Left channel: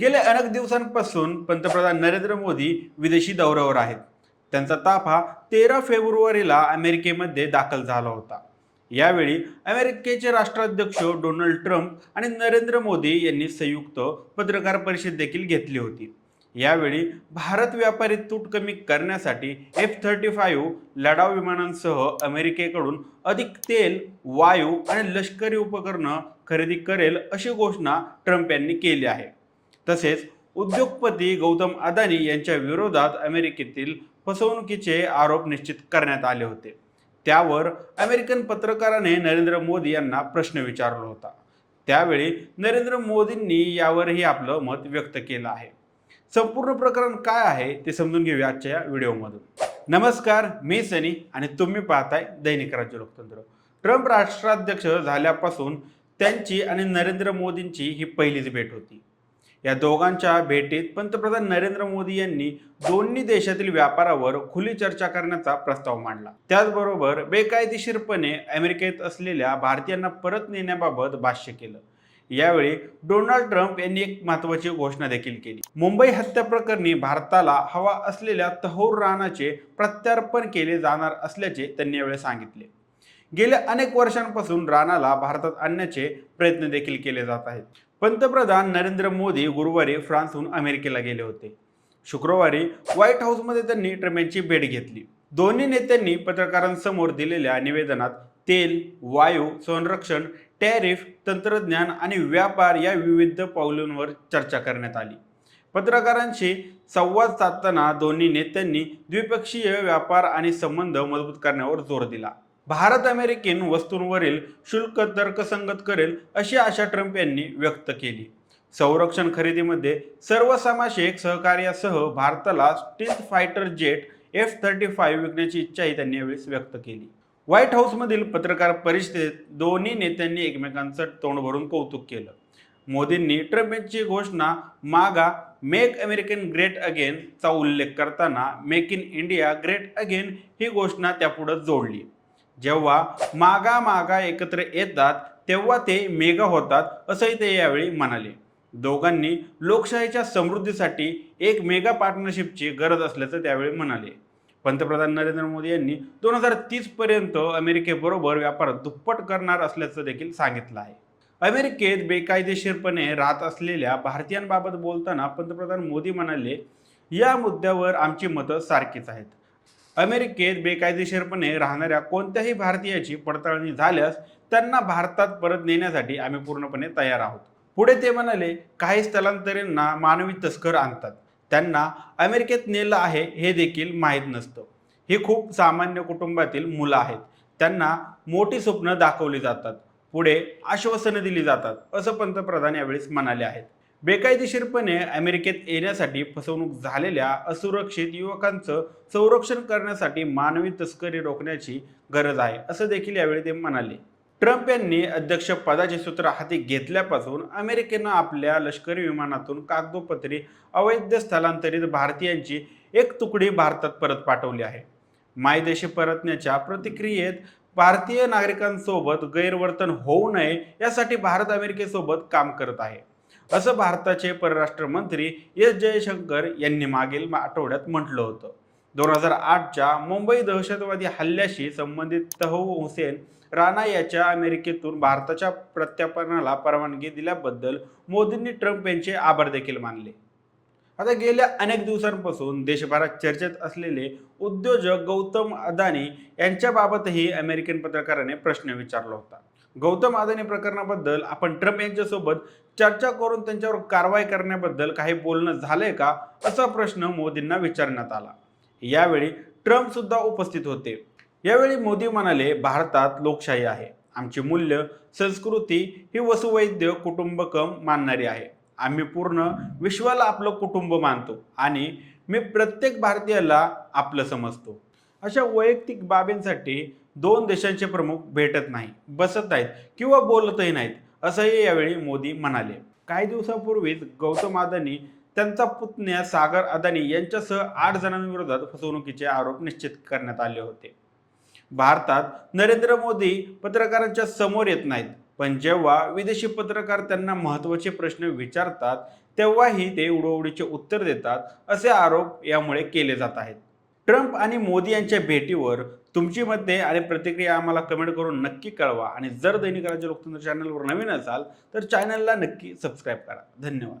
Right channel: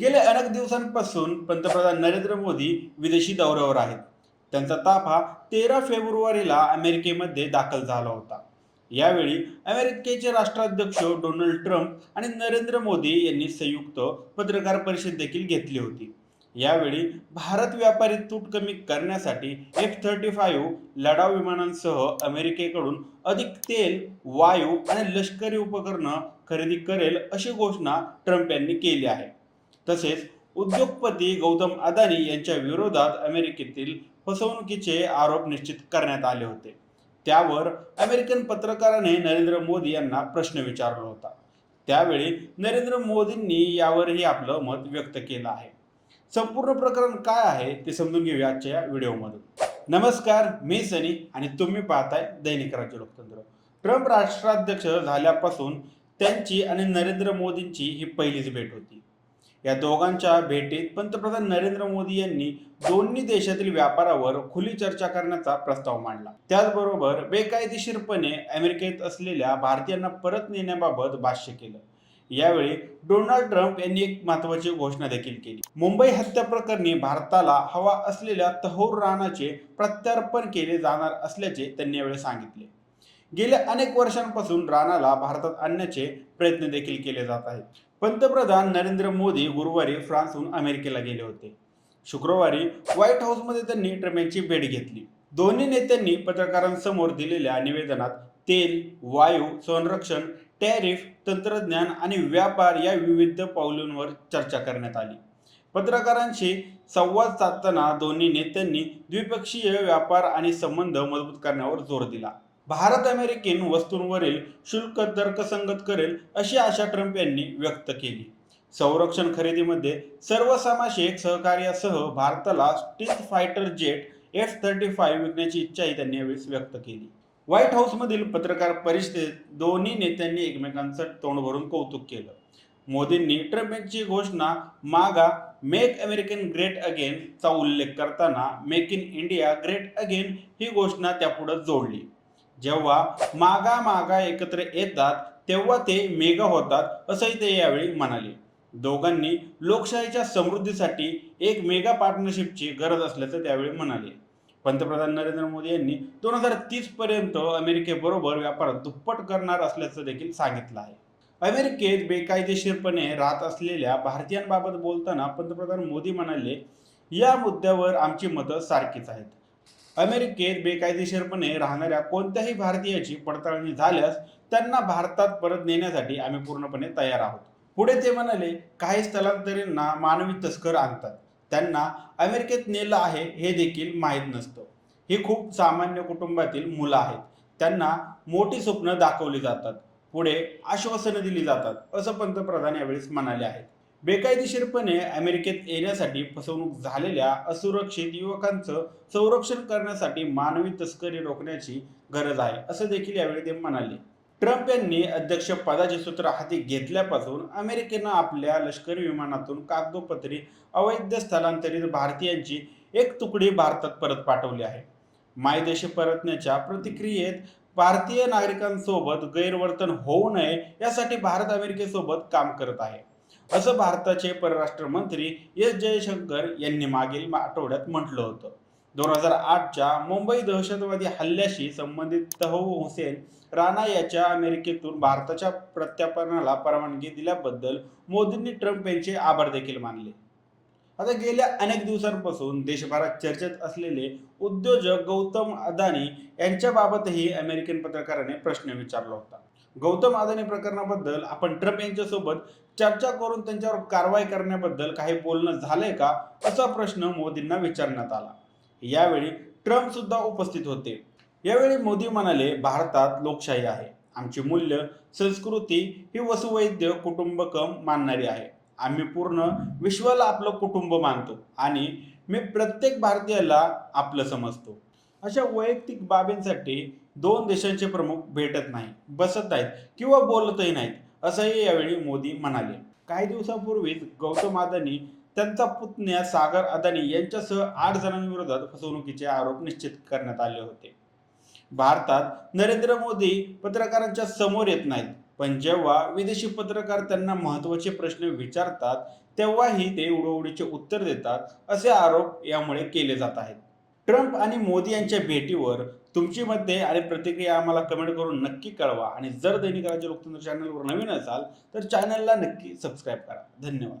गेल्या अनेक दिवसांपासून पंतप्रधान नरेंद्र मोदी विदेशी दौऱ्यावर आहेत. त्यांचा ताफा तेरा फेब्रुवारीला अमेरिकेमध्ये दाखल झाला होता. यावेळी अमेरिकेचे राष्ट्राध्यक्ष डोनाल्ड ट्रम्प आणि नरेंद्र मोदी यांनी संयुक्त पत्रकार परिषद देखील घेतली होती. यावेळी भारत व्यापारी तूट कमी करण्यासाठी एफ थर्टी फाईव्ह लढाऊ विमानांसह अमेरिकेकडून अधिक तेल वायू आणि लष्करी उपकरणं खरेदी करेल अशी घोषणा ट्रम्प यांनी केली आहे. तसेच उद्योगपती गौतम अदानी यांच्या विरोधात अमेरिकेतील फसवणुकीचे आरोप निश्चित करण्यात आले होते. त्यावर अमेरिकन पत्रकाराने नरेंद्र मोदी यांना प्रश्न विचारला होता. त्यावेळी नरेंद्र मोदींनी यावरही आपलं मत व्यक्त केलं आहे. संपूर्ण प्रकरण काय आहे ते समजून घेऊया आजच्या या व्हिडिओमधून. नमस्कार मी सनी आणि तुम्ही पाहताय दैनिक राज्य लोकतंत्र. ट्रम्प राष्ट्राध्यक्ष झाल्यापासून त्यांची आणि नरेंद्र मोदींची ही पहिलीच भेट होती. या दोघांच्या भेटीत पंतप्रधान नरेंद्र मोदी यांनी दोन्ही देशातील व्यापारावर खुली चर्चा करण्याचा प्रस्ताव मांडला. त्याचबरोबर बेकायदेशीरपणे अमेरिकेत असलेल्या भारतीयांना परत नेण्याबाबत भाष्य केलं. यावेळी डोनाल्ड ट्रम्प यांनी एक महत्वाची घोषणा देखील केली. मुंबई हत्या प्रकरणी भारताला हवा असलेल्या तहोर राणाचे प्रत्यार्पण केले जाणार असल्याचे त्यांनी यावेळी सांगितले. गेल्या अनेक वर्षांपासून राणाला भारतात आणण्याचे प्रयत्न देखील केले जात आहेत. पंतप्रधान नरेंद्र मोदी गुरुवारी फ्रान्सहून अमेरिकेला गेले होते. शुक्रवारी व्हाईट हाऊसमध्ये त्यांनी ट्रम्प यांची भेट घेतली. दोन्ही नेत्यांनी पत्रकारांसमोर दिलेल्या निवेदनात तेल वायू संरक्षण टॅरिफ तंत्रज्ञान आणि व्यापार या विविध पावलांवर चर्चा करण्यात आली. पत्रकारांशी संवाद साधताना दोन्ही नेत्यांनी द्विपक्षीय व्यापार आणि संबंध मजबूत करण्यावर जोर दिला. भारत अमेरिकन वस्तूंवरील शुल्क तर्कसंगत करेल अशी आशा ट्रम्प यांनी व्यक्त केली. संरक्षण खरेदीमध्ये सर्वसमावेशक सहकार्यासह भारताला stealth fighter jet F thirty five विकण्याची इच्छाही त्यांनी यावेळी व्यक्त केली. व्हाईट हाऊसमधील पत्रकार परिषदेत दोन्ही नेत्यांनी एकमेकांचं तोंड भरून कौतुक केलं. मोदींनी ट्रम्प यांची घोषणा मागा मेक अमेरिकन ग्रेट अगेन चा उल्लेख करताना make in India great again ही घोषणा त्यापुढे जोडली. जेव्हा मागा मागा एकत्र येतात तेव्हा ते मेगा होतात असंही ते यावेळी म्हणाले. दोघांनी लोकशाहीच्या समृद्धीसाठी एक मेगा पार्टनरशिपची गरज असल्याचं त्यावेळी म्हणाले. पंतप्रधान नरेंद्र मोदी यांनी दोन हजार तीस पर्यंत अमेरिकेबरोबर व्यापार दुप्पट करणार असल्याचं देखील सांगितलं आहे. अमेरिकेत बेकायदेशीरपणे राहत असलेल्या भारतीयांबाबत बोलताना पंतप्रधान मोदी म्हणाले या मुद्द्यावर आमची मतं सारखीच आहेत. अमेरिकेत बेकायदेशीरपणे राहणाऱ्या कोणत्याही भारतीयाची पडताळणी झाल्यास त्यांना भारतात परत नेण्यासाठी आम्ही पूर्णपणे तयार आहोत. पुढे ते म्हणाले काही स्थलांतरींना मानवी तस्कर आणतात. त्यांना अमेरिकेत नेलं आहे हे देखील माहीत नसतं. ही खूप सामान्य कुटुंबातील मुलं आहेत. त्यांना मोठी स्वप्न दाखवली जातात. पुढे आश्वासनं दिली जातात असं पंतप्रधान यावेळेस म्हणाले आहेत. बेकायदेशीरपणे अमेरिकेत येण्यासाठी फसवणूक झालेल्या असुरक्षित युवकांचं संरक्षण करण्यासाठी मानवी तस्करी रोखण्याची गरज आहे असं देखील यावेळी ते म्हणाले. ट्रम्प यांनी अध्यक्ष पदाचे सूत्र हाती घेतल्यापासून अमेरिकेनं आपल्या लष्करी विमानातून कागदोपत्री अवैध स्थलांतरित भारतीयांची एक तुकडी भारतात परत पाठवली आहे. मायदेशी परतण्याच्या प्रतिक्रियेत भारतीय नागरिकांसोबत गैरवर्तन होऊ नये यासाठी भारत अमेरिकेसोबत काम करत आहे. असं भारताचे परराष्ट्र मंत्री एस जयशंकर यांनी मागील आठवड्यात म्हटलं होतं. दोन हजार आठच्या मुंबई दहशतवादी हल्ल्याशी संबंधित तहव हुसेन राणा याच्या अमेरिकेतून भारताच्या प्रत्यापनाला परवानगी दिल्याबद्दल मोदींनी ट्रम्प यांचे आभार देखील मानले. आता गेल्या अनेक दिवसांपासून देशभरात चर्चेत असलेले उद्योजक गौतम अदानी यांच्याबाबतही अमेरिकन पत्रकाराने प्रश्न विचारला होता. गौतम अदानी प्रकरणाबद्दल आपण ट्रम्प यांच्यासोबत चर्चा करून त्यांच्यावर कारवाई करण्याबद्दल काही बोलणं झालंय का असा प्रश्न मोदींना विचारण्यात आला. यावेळी ट्रम्प सुद्धा उपस्थित होते. यावेळी मोदी म्हणाले भारतात लोकशाही आहे. आमची मूल्य संस्कृती ही वसुवैद्य कुटुंबकम मानणारी आहे. आम्ही पूर्ण विश्वाला आपलं कुटुंब मानतो आणि मी प्रत्येक भारतीयाला आपलं समजतो. अशा वैयक्तिक बाबींसाठी दोन देशांचे प्रमुख भेटत नाही बसत नाहीत किंवा बोलतही नाहीत असंही यावेळी मोदी म्हणाले. काही दिवसांपूर्वीच गौतम अदानी त्यांचा पुतण्या सागर अदानी यांच्यासह आठ जणांविरोधात फसवणुकीचे आरोप निश्चित करण्यात आले होते. भारतात नरेंद्र मोदी पत्रकारांच्या समोर येत नाहीत पण जेव्हा विदेशी पत्रकार त्यांना महत्त्वाचे प्रश्न विचारतात तेव्हाही ते उडवडीचे उत्तर देतात असे आरोप यामुळे केले जात आहेत. ट्रम्प आणि मोदी यांच्या भेटीवर तुमची मते आणि प्रतिक्रिया आम्हाला कमेंट करून नक्की कळवा. आणि जर दैनिक राज्य लोकतंत्र चॅनलवर नवीन असाल तर चॅनलला नक्की सबस्क्राईब करा. धन्यवाद.